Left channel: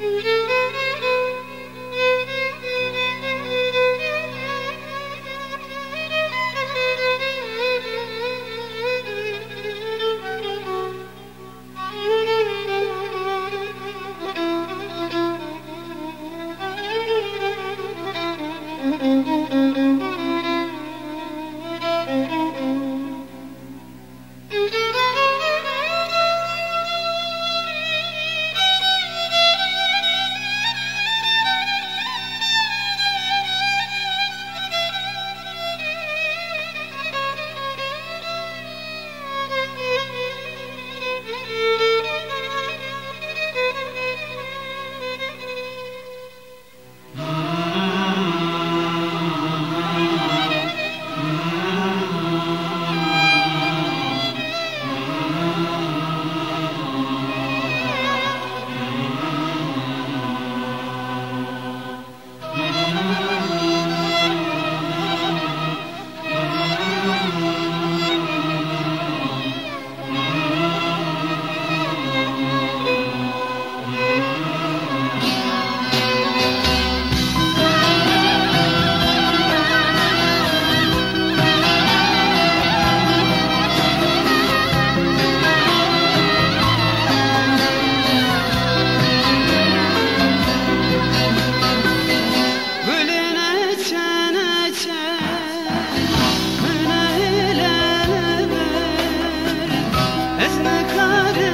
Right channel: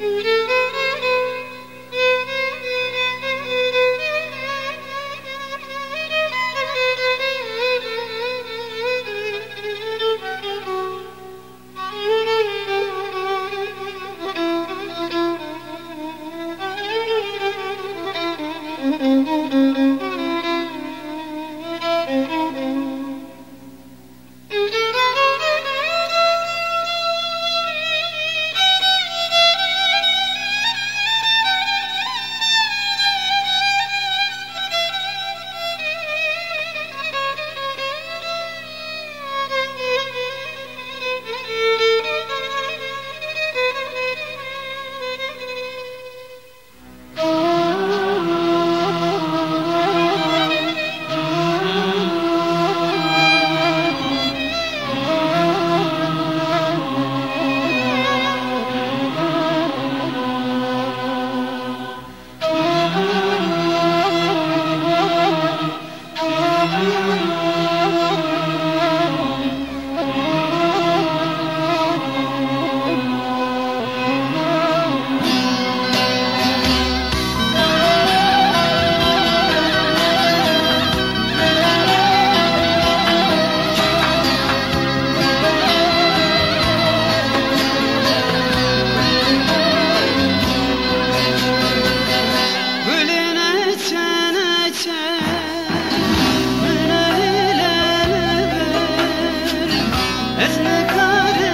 Mm-hmm. good.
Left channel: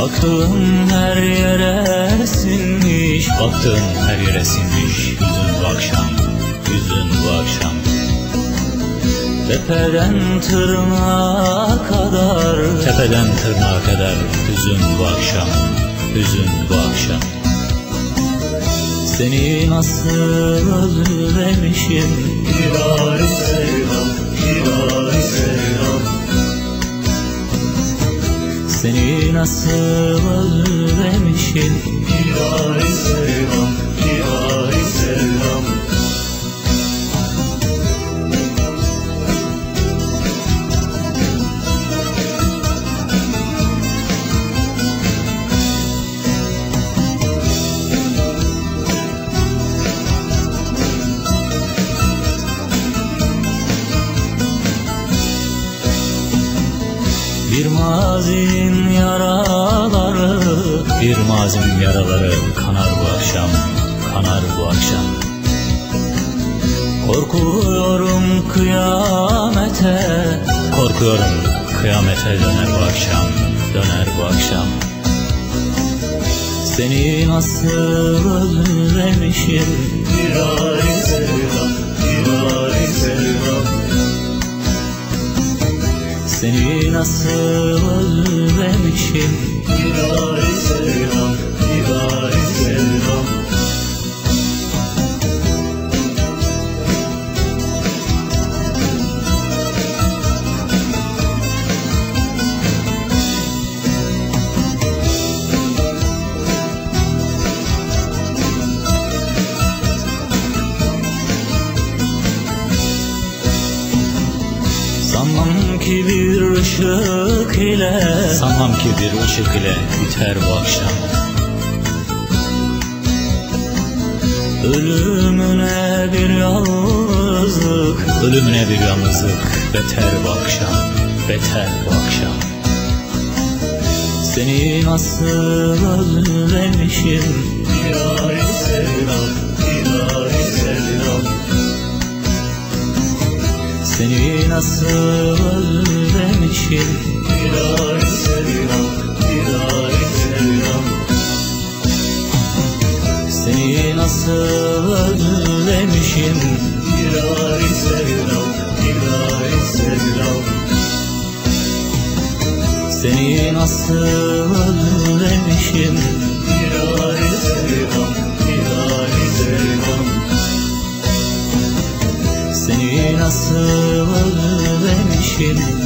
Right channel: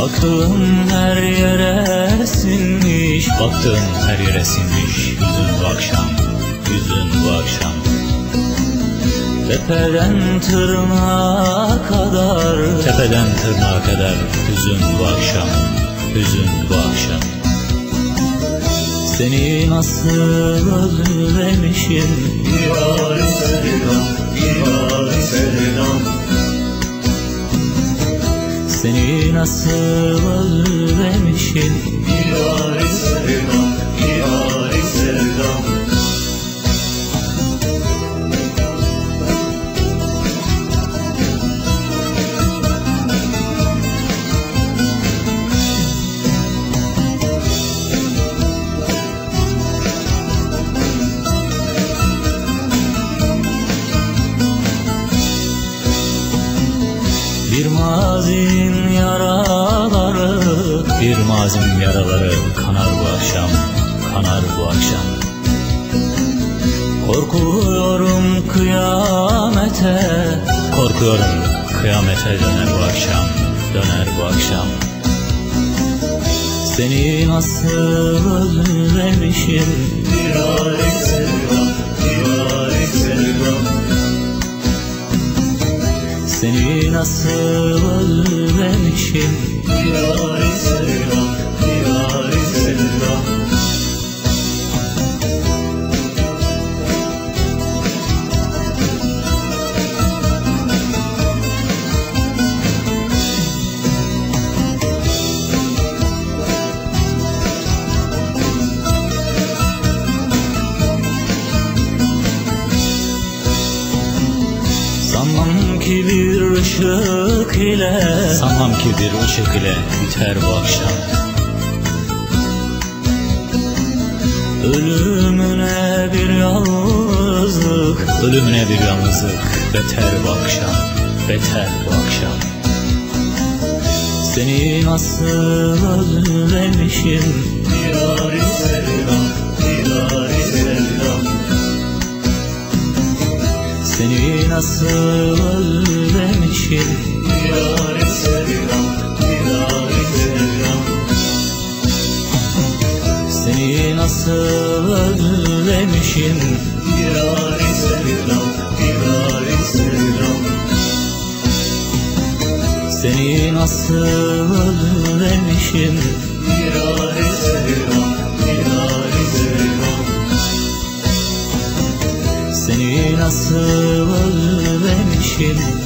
Baktığım her yere sinmiş Baktığım her yere sinmiş. Yüzün bu akşam Yüzün bu akşam. Tepeden tırnağa kadar Tepeden tırnağa kadar Hüzün bu akşam Hüzün bu akşam. Seni nasıl özlemişim? Yâri selam, Seni nasıl özlemişim mazinin yaraları Bir mazinin yaraları kanar bu akşam Kanar bu akşam. Korkuyorum kıyamete Korkuyorum kıyamete döner bu akşam Döner bu akşam. Seni nasıl özlemişim Yâri Seni nasıl özlemişim Yâri ışık ile. Sanmam ki bir ışık ile biter bu akşam. Ölümüne bir yalnızlık. Ölümüne bir yalnızlık. Beter bu akşam. Beter bu akşam. Seni nasıl özlemişim. Yâri selam, Seni nasıl özlemişim? Yâri selam, yâri selam Seni nasıl özlemişim? Yâri selam, yâri selam Seni nasıl özlemişim ocean